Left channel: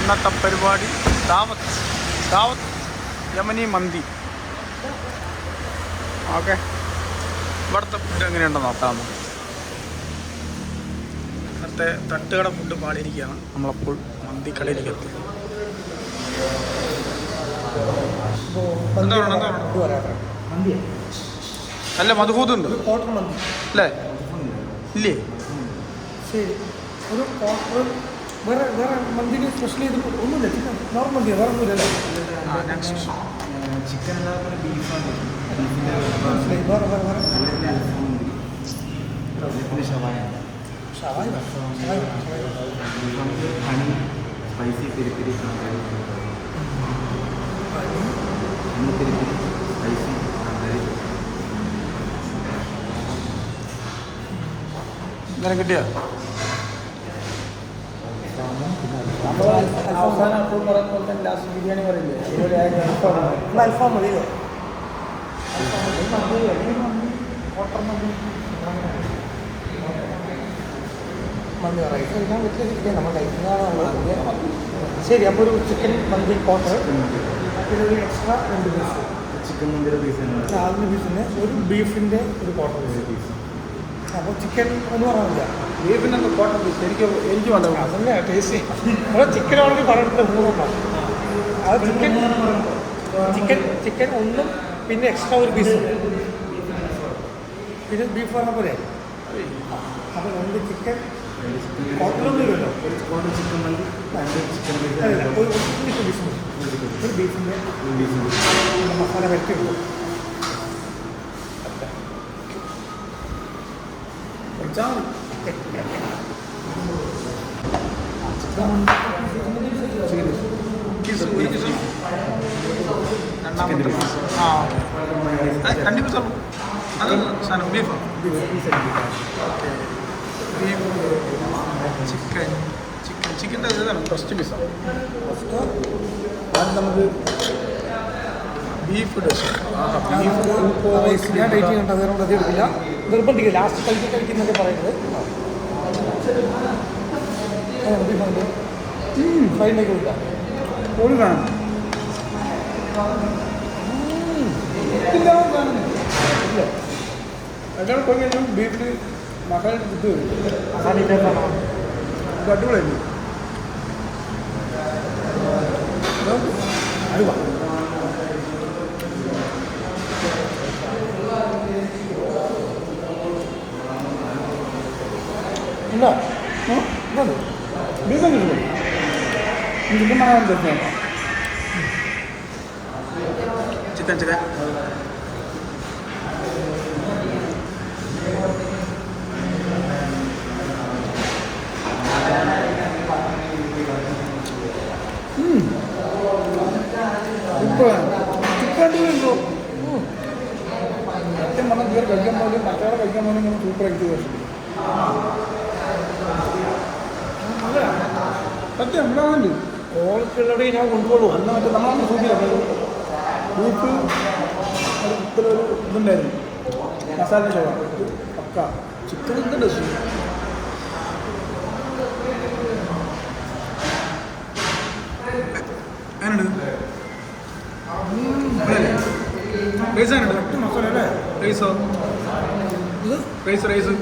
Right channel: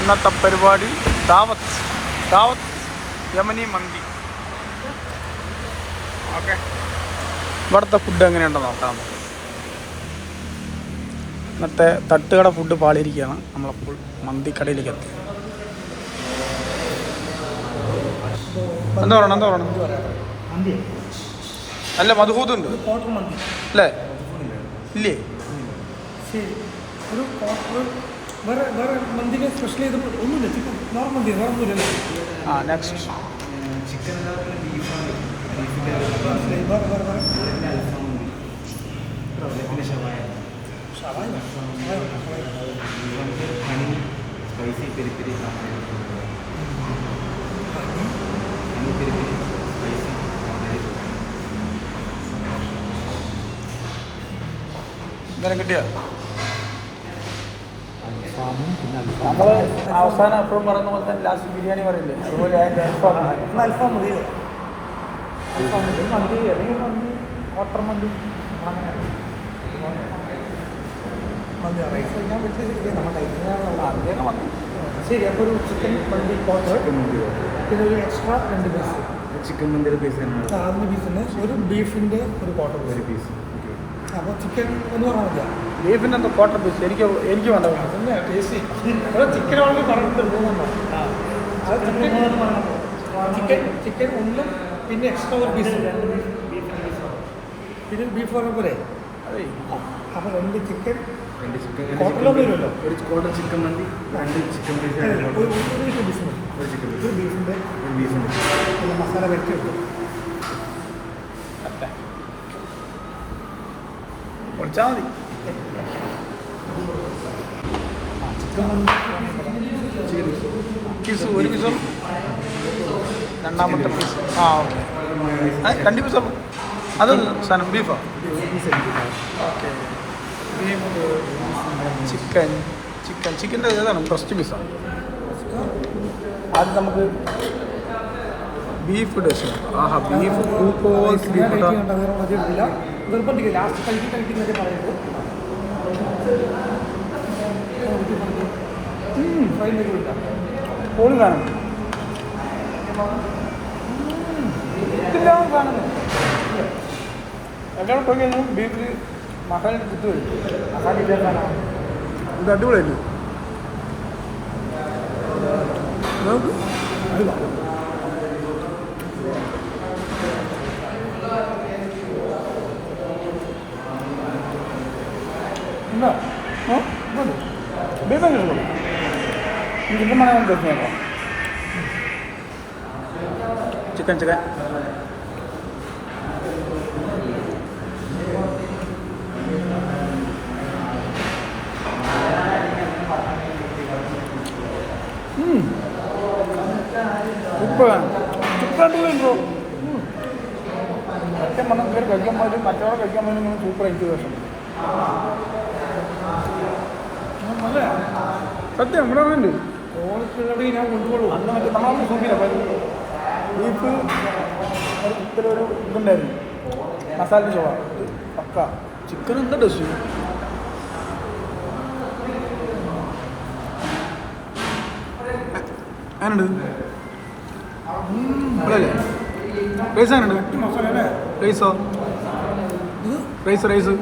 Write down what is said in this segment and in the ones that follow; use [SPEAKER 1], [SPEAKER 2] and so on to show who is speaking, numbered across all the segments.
[SPEAKER 1] ഇന്നത്തെ പരിപാടി ദാവത്ത് ദാവത്ത് യമനി മന്തി. ഓക്കെ. ഇവിടുത്തെ ഫുഡ് എങ്ങനെയുണ്ടെന്ന് നോക്കാം നമുക്ക്. ഇന്നത്തെ തട്ടുകട ഫുഡ് പാളിയിരിക്കുകയാണ് നമ്മളപ്പോൾ മന്തിക്കടയിലേക്ക് എത്തി. എന്താ പറയണം എന്താ പറയണം? അല്ല മധുഹൂത് ഉണ്ട്
[SPEAKER 2] ക്വാർട്ടർ മന്തി.
[SPEAKER 1] അല്ലേ? ഇല്ലേ?
[SPEAKER 2] ശരി. ഒരു വേറെ വേറെ മന്തിന് സ്പെഷ്യൽ ചെയ്ത് ഒന്നുമില്ല. ചിക്കൻ നോർമൽ മന്തി വേറെ ഒന്നുമില്ല.
[SPEAKER 1] ആ നെക്സ്റ്റ്
[SPEAKER 3] ചിക്കൻ ബീഫാണ് ഷവായ. Spicy peri peri sambar honey peri peri spicy
[SPEAKER 1] ഇന്നലെ കിട്ടിയ? അവസാനം എപ്പോഴും പറയുന്ന പോലെ തന്നെ ലാസ്റ്റ് ബിരിയാണി പറയില്ലേ? അതുപോലെ ആയിരുന്നു അൽഫാം
[SPEAKER 2] അൽഫാം ശരി അപ്പോൾ ഒരു ചിക്കൻ മന്തി ക്വാർട്ടർ പിന്നെ ഒരു എക്സ്ട്രാ രണ്ട് പീസ്
[SPEAKER 3] ചിക്കൻ മന്തിയുടെ പീസ്
[SPEAKER 2] നാല് പീസിന് ഒരു ബീഫിന്റെ ഒരു ക്വാർട്ടർ പീസ്
[SPEAKER 3] പീസ്
[SPEAKER 2] അപ്പോൾ ചിക്കൻ എന്ന് പറഞ്ഞില്ല
[SPEAKER 1] ബീഫിന്റെ കോട്ടൺ പീസ് എനിക്ക് എനിക്ക് വേണ്ട
[SPEAKER 2] അതല്ലേ ടേസ്റ്റ്. ഇവിടെ ചിക്കൻ ആണെങ്കിൽ പറഞ്ഞിട്ടുണ്ട് മൂന്നെണ്ണം അത് ചിക്കൻ ചിക്കൻ ഒന്നും പിന്നെ എക്സ്ട്രാ ഒരു പീസ് പിന്നെ ബീഫ് പറഞ്ഞ പോലെ അപ്പോൾ രണ്ട് ചിക്കൻ കോട്ടലൊന്നും ഇല്ലല്ലോ.
[SPEAKER 3] ഒരു ക്വാർട്ടർ ചിക്കൻ മന്തി രണ്ട് ചിക്കൻ
[SPEAKER 2] ബീഫ് ഒരു മതി. ബീഫിന്റെ
[SPEAKER 3] ബീഫുണ്ട്
[SPEAKER 2] നല്ല മസാല വരട്ടി വെക്കും
[SPEAKER 1] കുറച്ചാൽ മതി. പീസ് ഒരു പീസോ രണ്ടാമത്തെ പീസ് ആ ഓക്കെ രണ്ട് പീസുള്ളൂ അത് സാധനം ബീഫോ ഓക്കെ ബീഫ് ചിക്കൻ ചിക്കൻ ചിക്കന്റെ ഏതാണ് ഫസ്റ്റ് പീസാണ് ആദ്യം നമുക്ക് ബീഫ് ബീഫ്
[SPEAKER 2] നിർബന്ധിക്കില്ല ലാസ്റ്റ് കഴിച്ച് പറയുന്നത് ഫൈനലില്ല
[SPEAKER 1] പൊളി കാണും ഇതില്ല കാണുന്നു. എല്ലാം പോയി കഴിഞ്ഞാൽ ബീഫിൽ മസാല കുത്തി വരും. അടിപൊളിയായിരുന്നു
[SPEAKER 2] ഇല്ല
[SPEAKER 1] ബീഫ് അങ്ങനെ ഇഷ്ടപ്പെടും ചിക്കൻ മണം നോക്കാം ചിക്കൻ ചിക്കൻ ചിക്കൻ അടിപൊളിയുണ്ടോ സത്യം പറഞ്ഞാൽ ഇതുവരെ കഴിക്കാൻ പോലും മറ്റവരെ കഴിക്കാൻ പോലും ഇങ്ങനെ സൂപ്പർ എനിക്ക് നല്ല സത്യം ഇവിടെ ഉണ്ട് അന്ന് മറ്റേ നമ്മളന്ന് സൂപ്പില്ല ബീഫ് ഒരു കുത്തിലൊരു ഇതുണ്ടായിരുന്നു. മസാല ചോറ പക്ക. ചിക്കൻ അങ്ങനെയുണ്ട് ഇവിടെ റൈസ് റൈസ് റൈസ്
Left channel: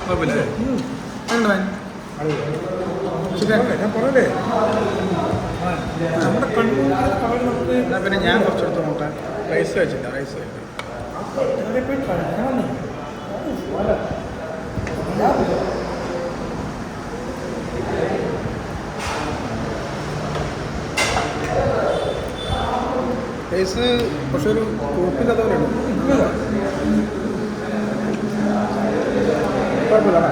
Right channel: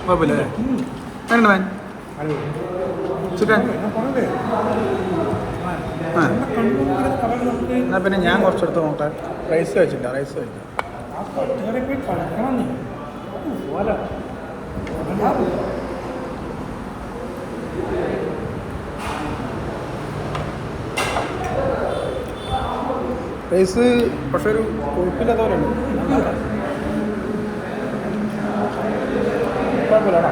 [SPEAKER 1] കുഴപ്പമില്ല എന്നാൽ പിന്നെ ഞാൻ കുറച്ചെടുത്ത് നോട്ടെ റൈസ് കഴിച്ചില്ല റൈസ് കഴിച്ചില്ല
[SPEAKER 2] ആ തട്ടുകടയിൽ പോയി കഴിക്കണം നീ.
[SPEAKER 1] റൈസ് പക്ഷെ ഒരു കൊഴുപ്പില്ലാത്ത പോലെ ഉണ്ട്. കുഴപ്പമില്ല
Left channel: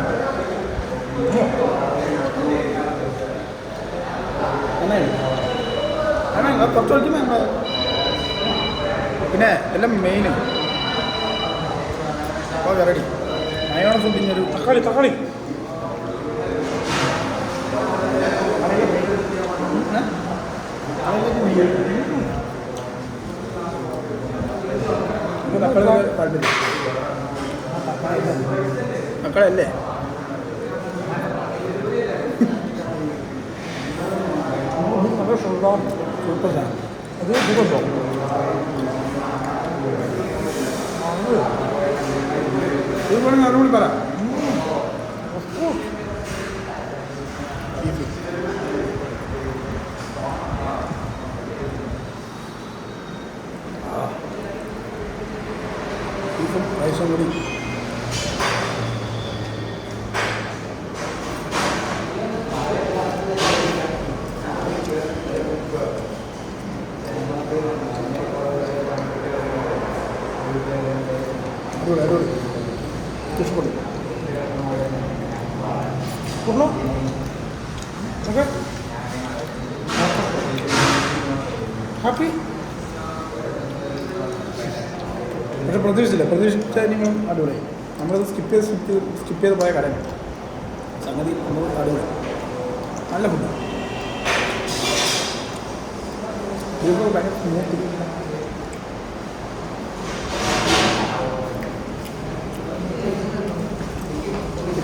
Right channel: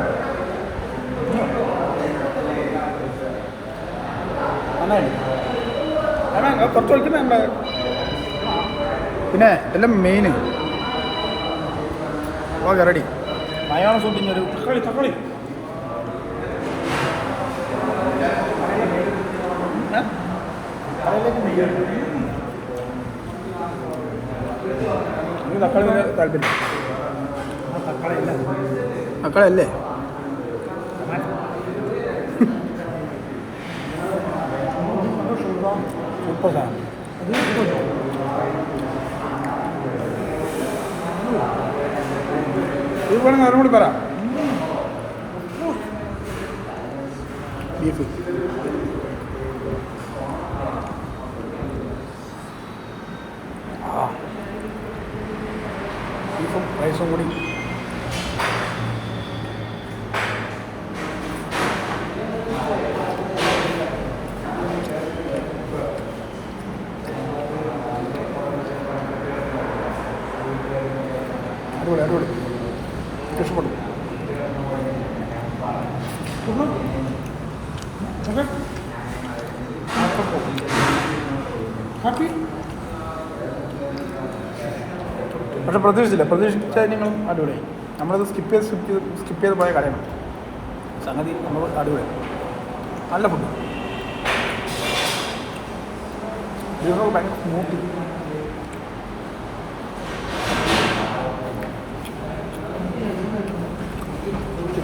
[SPEAKER 1] അതാണ് അത് കുറച്ച് ഒഴിക്കുന്ന എന്താ? പിന്നെ എല്ലാം മെയിൻ റെഡി മയോണ സൂട്ടിങ്ങൊരു
[SPEAKER 2] തക്കാളി തക്കാളി.
[SPEAKER 1] തക്കാളി താല്പര്യം.
[SPEAKER 2] തക്കാളി ഇല്ല.
[SPEAKER 1] മക്കളല്ലേ സൂപ്പർ സാധനം ഇത് വേണമെങ്കിൽ അവരോട് പറ ബീഫും റൈസും കൂടി. അടിപൊളി അടിപൊളി. ഇഷ്ടപ്പെട്ടു. ഹാപ്പി. പക്ഷെ പ്രതീക്ഷിച്ചില്ല. പ്രതീക്ഷിച്ച നിങ്ങളും അടിപൊളി നമ്മളത് സ്കിപ്പ് ചെയ്ത് സ്കിപ്പ് ചെയ്ത് സ്കിപ്പ് ചെയ്ത് പോയ കാര്യങ്ങൾ സംഗതി നമ്മൾ അടിപൊളി നല്ല ഫുഡ് ഭയങ്കര സ്മൂത്ത്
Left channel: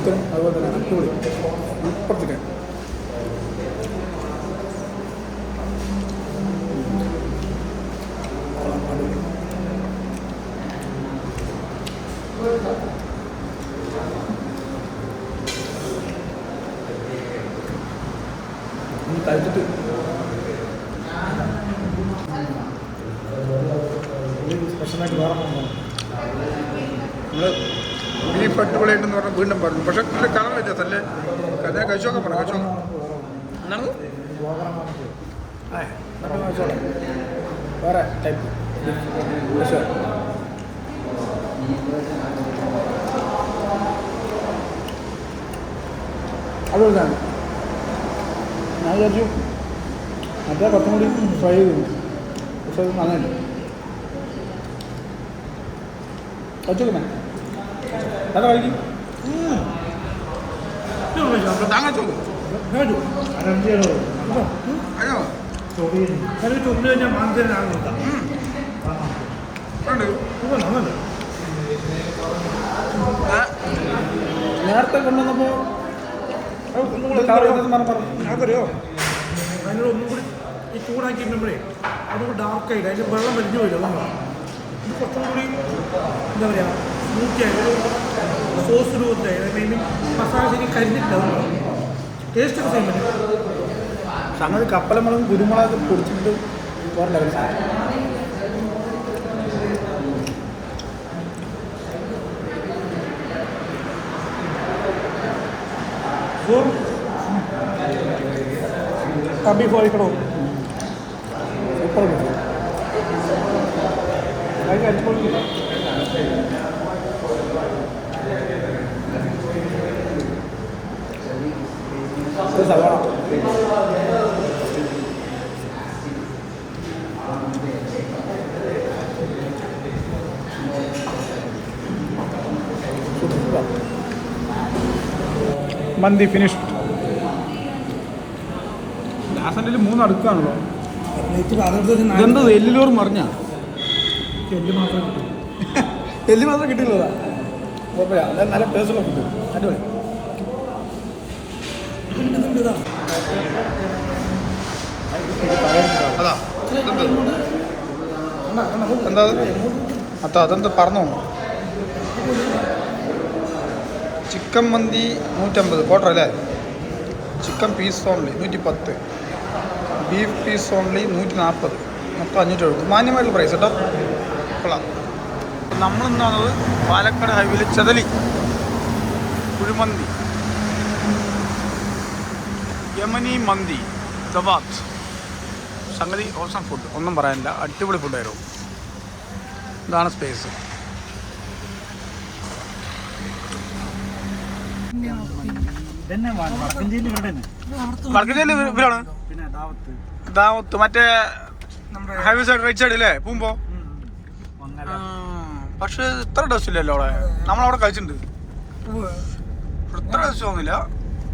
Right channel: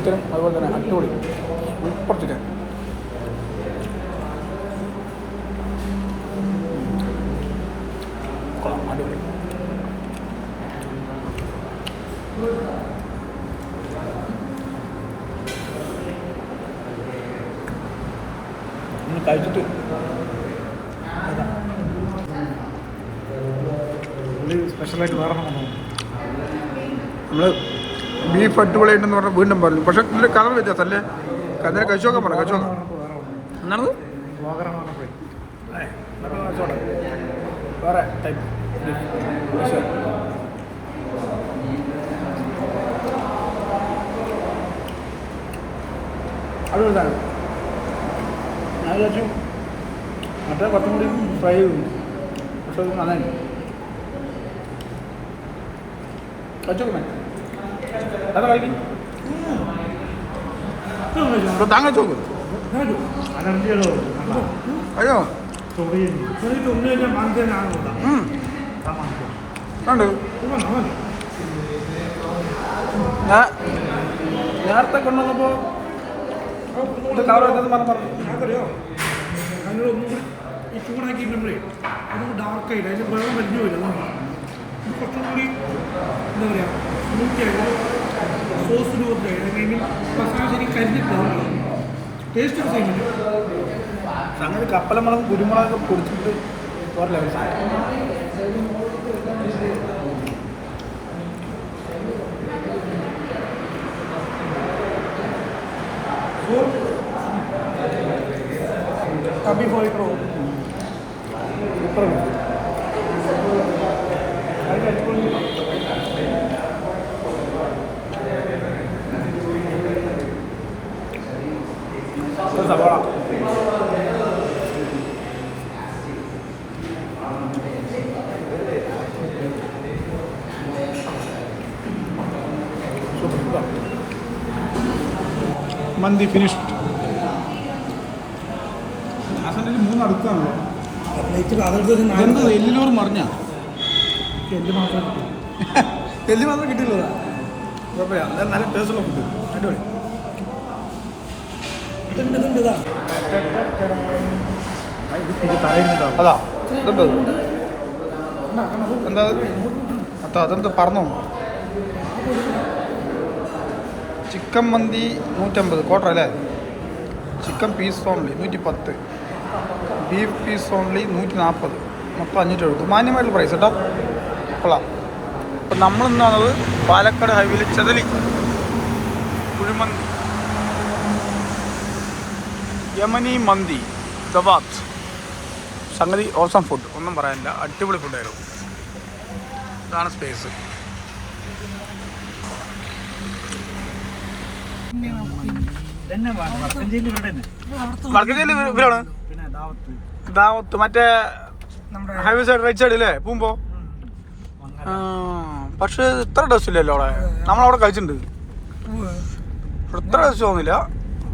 [SPEAKER 1] ചിക്കനും അതുപോലെ തന്നെ അടിപൊളി. സൂപ്പർ ചിക്കൻ കഴിച്ചിട്ട്
[SPEAKER 2] സ്പെഷ്യലായിട്ട്
[SPEAKER 1] ബീഫ് അടിപൊളിയായിട്ടെന്ന് പറഞ്ഞാൽ വീണ്ടും പറഞ്ഞു. പക്ഷെ ഇതിൽ കളർ വ്യത്യാസം അല്ലേ കഥ കഴിച്ചോക്കെ പറഞ്ഞു കഴിച്ചോ വേറെ ടൈപ്പ് ഞാൻ വിചാരിച്ചു മറ്റേ കുറച്ചും കൂടി ഫ്രൈ ചെയ്തു. പക്ഷേ അത് നന്നായി. കഴിച്ചോക്കെ അതാ വൈകി താങ്കൾ ചോദിക്കും അയ്യോ നേരത്തെ കൊണ്ടുവന്നപ്പോ കളർ വ്യത്യാസം പറഞ്ഞ പറഞ്ഞു
[SPEAKER 2] നമുക്കറിയോ ഞങ്ങൾ ഒന്നും കൂടി ഈ ചൂടാക്കിയിട്ടുമ്പോഴേ അത് ഡാർക്കായിട്ട് അതിൽ വെള്ളം വലിഞ്ഞു പോയില്ല അതുകൊണ്ടാണ് ഇത് കുറച്ചും കൂടി എന്താ പറയുക ഒരു സോസ് രൂപത്തിലായിരുന്നു ഐ മീൻ മസാല ശരി കരിഞ്ഞിട്ടില്ല ടേസ്റ്റ് സെയിം തന്നെ
[SPEAKER 1] സംഗതി കപ്പലമുളകും കുരുമുളകൊക്കെ പൊടിച്ചിട്ട് വേറെ ലെവൽ
[SPEAKER 2] കമ്പി പോയിക്കണോ
[SPEAKER 1] സൂപ്പർ സവാള മന്തി ഫിനിഷ്ഡ് ദാസന്റെ മൂന്ന് അടുക്കാണല്ലോ. ഇതെന്ത് എല്ലിലോർ മറിഞ്ഞ?
[SPEAKER 2] എല്ല് മാത്രം കിട്ടും.
[SPEAKER 1] എല്ല് മാത്രം കിട്ടില്ലതാ കുഴപ്പമില്ല. നല്ല ടേസ്റ്റുള്ള ഫുഡ് അടിപൊളി. അതാ എന്താ അത്ത അതെന്താ പറഞ്ഞോ ചിക്കൻ മന്തി നൂറ്റമ്പത് ക്വാർട്ടർ അല്ലേ? ചിക്കൻ പീസ് ഓൺലി നൂറ്റി പത്ത് ബീഫ് പീസ് ഓൺലി നൂറ്റി നാൽപ്പത് മൊത്തം അഞ്ഞൂറ്റി എഴുപത് മാന്യമായിട്ടുള്ള പ്രൈസ് കേട്ടോ. കൊള്ളാം. അപ്പം നമ്മളിന്ന് വന്നത് പാലക്കാട് ഹൈവേയിൽ ചെതലി. കുഴിമന്തി. യമനി മന്തി ദവാത്ത് സംഗതി ഓസം ഫുഡ് ഒന്നും പറയാനില്ല. അടിപൊളി ഫുഡായിരുന്നു ഇതാണ് സ്പേസ് ഇവരാണ്?
[SPEAKER 2] ദാവത്ത്.
[SPEAKER 1] മറ്റേ ഹൈവേ സൈഡ് റൈറ്റ് സൈഡ് അല്ലേ
[SPEAKER 2] പോകുമ്പോ
[SPEAKER 1] പക്ഷെ ഇത്ര ഡ്രസ് ഇല്ലല്ലോ അവിടെ. നമ്മളവിടെ കഴിച്ചിട്ടുണ്ട്. ഇത്ര ഡ്രസ് തോന്നില്ല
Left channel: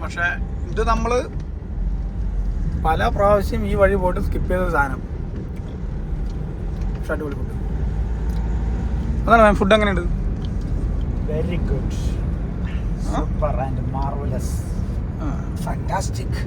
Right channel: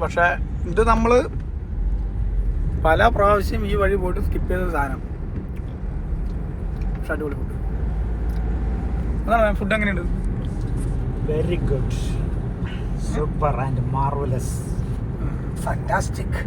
[SPEAKER 1] പക്ഷെ ഇത് നമ്മൾ പല പ്രാവശ്യം ഈ വഴി പോയിട്ട് സ്കിപ്പ് ചെയ്ത സാധനം. പക്ഷെ അടിപൊളി ഫുഡ് അതാണ് ഫുഡ് എങ്ങനെയുണ്ട്?
[SPEAKER 2] Very good
[SPEAKER 3] super and marvellous fantastic